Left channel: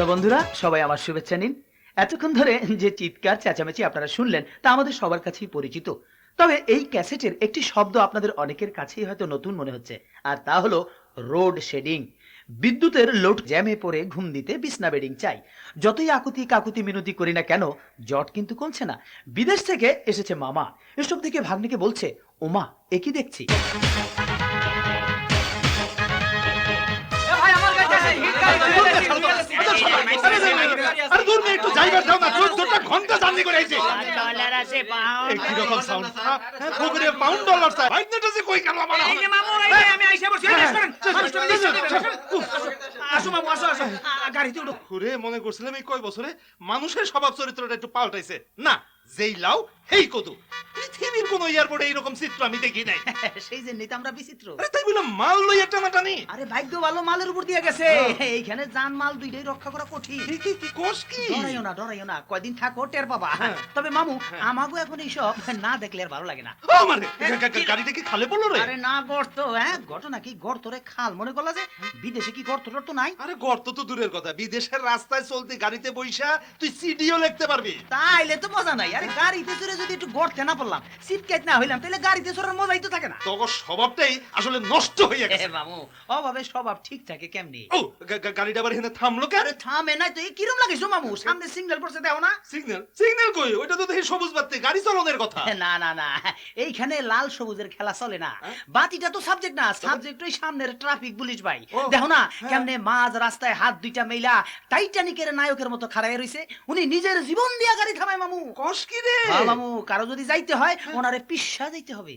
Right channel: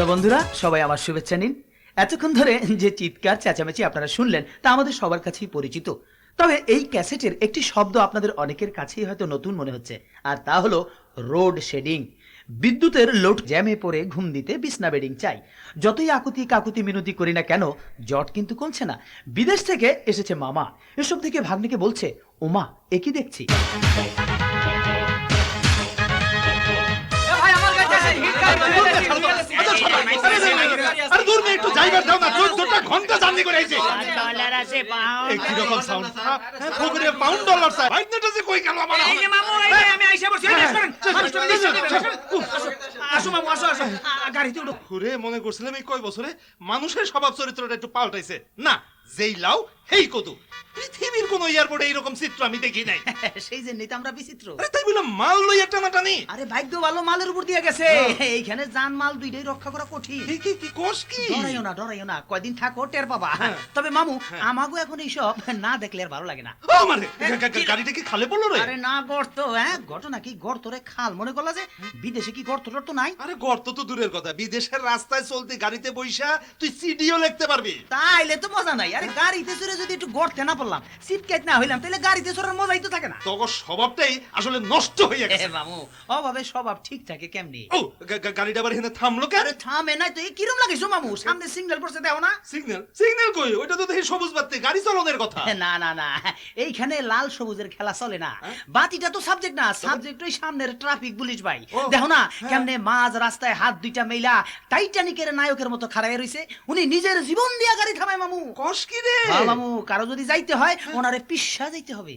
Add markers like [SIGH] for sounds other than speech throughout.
তো বন্ধুরা, সবাই আমার শুভেচ্ছা নিন। এতক্ষণ ধরে যে চিৎকার, চেঁচামেচি আপনারা শুনলেন, তা আমাদের সবার কাছেই পরিচিত। তবে এই ক্যাসেটের একটি শব্দ আপনাদের অনেকের কাছেই হয়তো নতুন মনে হচ্ছে, আর তা হলো রোড শেডিং। বিদ্যুতের লোড জ্যামে পড়ে ঘুম দিতে বিছনা বেডিং চাই। যতই আকুতি কাকুতি মিনতি করি না কেন জট কিন্তু কমছে না। বিদেশ থেকে এসেছে মামা। এসব থেকে ভাগ্নিকে বলছে, ওমা, এ কি দেখছি? আরে দূর মেয়ে একটু জায়গা দাও না চোদ্দটা ঘণ্টা জার্নি করে আইছে। ডলার আছে পাউন্ড এই কীরকম সাউন্ড হ্যাঁ পাউন্ড ডলার স্যার ভাইনাটা যে কই গেল আমার? এই যে মামু আমি আইসা বসে আসো মামু আসো আসো। গাড়িতে উঠো। ঘুরে মনে করছিলাম এই কয় বছরে মানুষের স্বভাব চরিত্রটা একটু পাল্টাইছে। না যেই হেই কদু। পৃথিবীর কোন এয়ারপোর্টে এইরকম চিত্র আমি দেখি নাই। [LAUGHS] সেই যে নিতে আমরা বিচিত্র। আরে তাই বলে মাল লইয়া টানাটানি। আরে ভাগ্য ভালো মালের উপর দিয়ে গেছে। [LAUGHS] এইখানে জান মাল দুইটাই রক্ষা করা কঠিন। কি কি কোষ কি? ডরাইও না ডরাইও না। কয়দিন থাকো টের পাবা। তবে মামু আমাগো এখন এইসব [LAUGHS] না দেখলে আর ভালো লাগে না। ও মানে গাড়িটা কি খালে পড়ল রে? আরে না গর্ত হ্যাঁ ঘটনা কি? গর্ত রে খাল। মনে করলা যে বিদেশে কি গর্ত টর্ত নাই? আরে গর্ত তো দূরের কথা। বিদেশের রাস্তায় চলতে গাড়িতে বইসা তুই সিডিও লিখতে পারবি। তাইলে তো মজা নাই। আরে গাড়িতে চড়ে যদি একটু না পড়লাম না হইলাম তাহলে গাড়িতে চড়ার মজাই তো থাকে না। স্বভাবটাই আসলে নষ্ট হইয়া এ গেছে মামু অভাবে স্বভাব ঠিক থাকে কেমনি? ও গাড়িটা আবার এখানে থামলো কেন? আরে থামে তো কিরম লাগে মামু সামনে সিগন্যাল পড়ছে দেও না। সিগন্যাল সিগন্যাল কই? ওইটা তো দেখি সবুজ বাতি গাড়ি চালানোর কথা। [LAUGHS] না না না এইখানে লাল সবুজের খেলা চলে না। বাতিটা তো সাবজেক্ট না সাবজেক্ট ওই সামনের ট্রাফিক পুলিশ ভাই। দেখো না কেমনে মাঝ রাস্তায় হাত দুইটা মেলা টাইটানিকের নায়কের মতো খাড়াই রইছে উনি নিজের জীবন দিয়া গাড়ি থামায় মামু। কস কি রে। হ্যাঁ মামু কারও যদি যাইতে হয় ওনারে পিসা যাইতে হবে।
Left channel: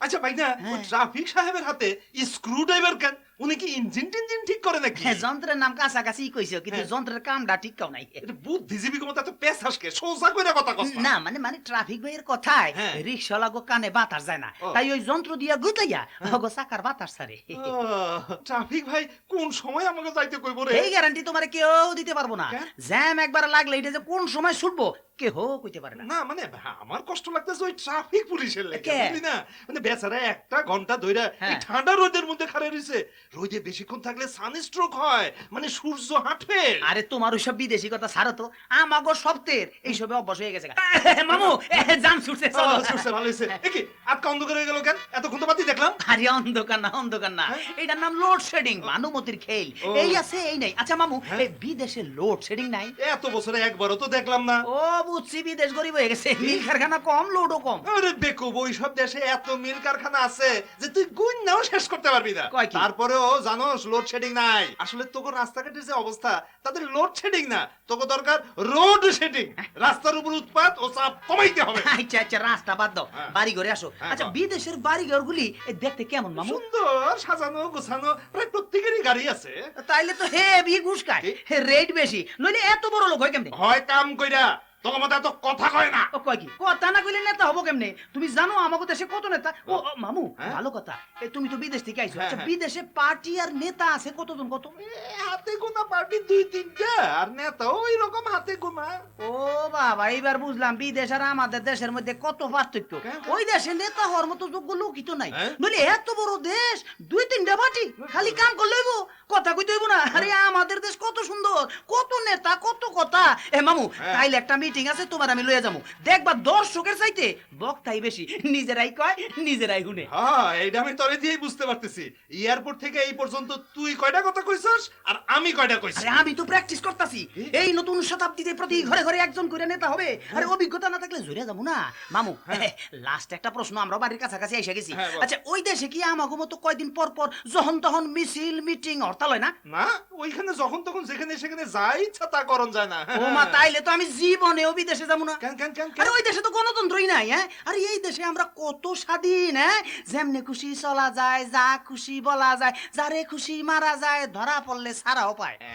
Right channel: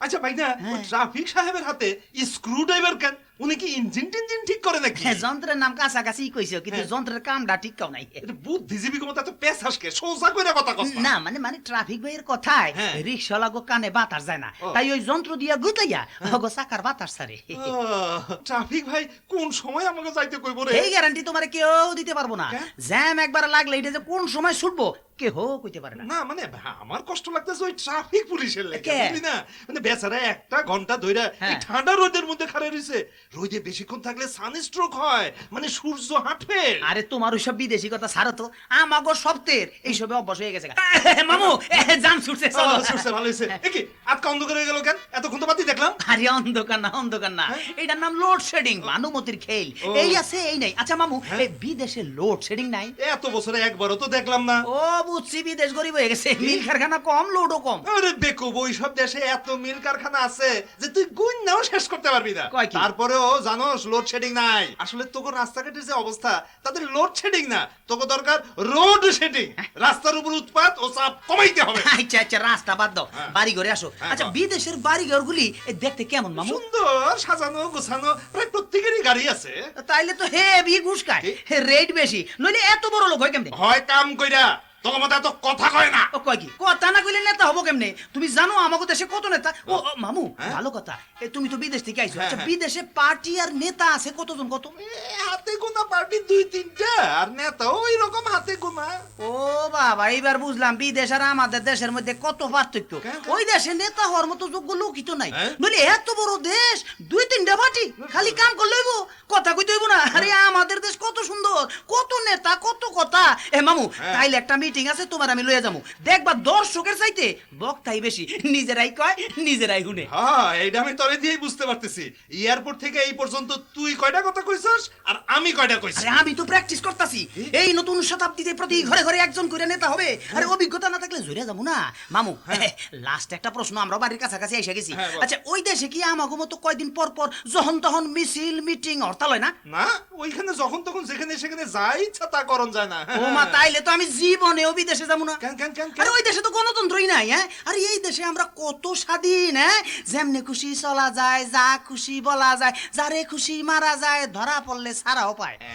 আচ্ছা ভাই না হ্যাঁ। ট্রাফিক সাহেবের হাতে স্ক্রু ড্রাইভার কেন? উনি কি ইঞ্জিন টিঞ্জিন ঠিক করে নাকি? হ্যাঁ, যন্ত্রের নাম কাছাকাছি কইছো কিন্তু হ্যাঁ। যন্ত্রের কামটা ঠিক কাও নাই। বুদ্ধিজীবী ক্ষমতা তো পেশ হাসকে সোজা করে কথা কস না। মানে মানে ট্রাফিক ভাইয়ের কথায় হ্যাঁ। রিক্সা লাগো কানে বাতাস যায় না। তাই ওই যন্ত্র দিয়া গুতাইয়া ওগো চাকার বাতাস সারে ট্রাফিক ভাই কোন সময় আমাকে যাইতে কইব রে? এই গ্যারান্টি তোমার কেউ দিতে পারব না। জ্যাম একবার লাগলে এটা যে কোন সময় ছুটবো কেহ কইতে পারে না। না মানে আমার কষ্ট লাগতেছে ওই ট্রাফিক পুলিশের লেগে? বুঝলি না? মানে বেচারা একটা ঘণ্টা ধইরা এই হ্যাঁ। ঠান্ডা রোদের মধ্যে খাড়া রইছে। রোদে বেশিক্ষণ থাকলে সানস্ট্রোক হয় মানে সূর্য হাঁটে। আরে তোমার ওইসব বিদেশি কথা ছাড়ো তো আমাগো সপ্তের এইসবে অভ্যাস হয়ে গেছে [LAUGHS] মামু জান ছুটছে চলো। আহ, সূর্য ভালো হয়েছে। কি আজকে অন্ধকার হয়ে গেল কেন? এতক্ষণ তো বাতি দেখলাম। আরে অন্ধকার না অন্ধকার না। এটার নাম লোড শেডিং ভানুমতির খেল। এই আছে এই নাই। আচ্ছা মামু এই বিদেশে লোড শেডিং নাই? এত বছরে একবারও তো দেখলাম না। ও বুঝছি বিদেশ গরিব হয়ে গেছে। মিল কারখানা কম লোডও কম। আরে বেকুব ওই সব দেশে এত মিল কারখানা আছে যে তুই গুণ নাও শেষ করতে পারবি না? তারপরেও জানোস লোড শেডিং নাই। আসলে তোকে রাস্তাঘাটের যে অবস্থা তাদের লোড শেডিং না। তোকে দরকার রোড শেডিং রাস্তার উপর উৎপাত ও চাপ কমাইতে হবে। [LAUGHS] আচ্ছা আচ্ছা রাস্তা বাদ দাও। হ্যাঁ। বাড়ি ঘরে আসো। হ্যাঁ, আচ্ছা বিদেশের বাড়ি ঘর গুলি দেখতে কেমন মামু? সুন্দর সাজানো গোছানো প্রায় প্রত্যেকেরই গাড়ি আছে। তাইলে তো হেভি ঘুষ খায়। কি? রেট বেশি। নইলে এত বড় লোক হয় কেমনে? হয় কাম কইরা। তোকে মতো এত কথা কয় না? ও কয় কি? কথা না কইলে নেতা হব কেমনে? তুমি জানো আমাকে দেশে কত নেতা? ও ও, মামু হ্যাঁ? ভালো কথা। এ, তুমি তো বিদেশ থেকে আইছো। হ্যাঁ, আচ্ছা হ্যাঁ। বিদেশে পার্টি আর নেতা আছে কতজন? কত? এ, হাতে গোনা দুই তিনটা আর নেতা ওই রকম হাতে গোনা। ও বাবা এইবার বুঝলাম বিদেশ আর আমাদের দেশের মধ্যে কত পার্থক্য। কেন? ওই দেশে নেতা হওয়ার মতো যোগ্য লোকই তো নাই। হ্যাঁ? নইলে এত বড় দেশ দুই তিনটা পার্টি খালি কাম করলে হইব? কথা কইতে হইব না? আরে আমাদের দেশ কত সুন্দর কত নেতা কত কথা। এ মামু। তাইলে একটা মিটিং আছে তোমার আমি লইয়া যাব। দেখবা দর্শকের চাইতে বক্তাই বেশি। নিজেরাই কয় নিজেরাই শুনে। হ্যাঁ এইটা আমি তরে দিয়েই বুঝতে পারতেছি। এয়ারপোর্ট থেকে এই পর্যন্ত তুই কয়টা কথা কইছস আর আমি কয়টা কইছি? আরে আমি তো প্র্যাকটিস করতাছি। এই নতুন শতাব্দীতে প্রতি ঘরে ঘরে একজন করে নেতা হবে। আরে অভিজ্ঞতা না থাকলে জুড়ে যাব না। মামু [LAUGHS] লাস্ট একটা প্রশ্ন আমরা বাড়ির কাছাকাছি এসে গেছি। হ্যাঁ, আচ্ছা ওই দেশে কি আমাগো মতো কয়দিন পর পর যখন তখন মিছিল মিটিং হরতাল হয় না? না ওইখানে যখন তখন যেখানে সেখানে যা ইচ্ছা তা করণ যায় না। ও মা তাইলে তো আমি জীবনেও দেশে যাব না। আরে ওই দেশে তো গণতন্ত্রই নাই হ্যাঁ? আরে এই দেশে আমরা কত স্বাধীন হ্যাঁ? যেমনি খুশি চলা যায় যা খুশি বলা যায় যারে খুশি মারা যায় ধরা পড়লে সারাও পায়। এ,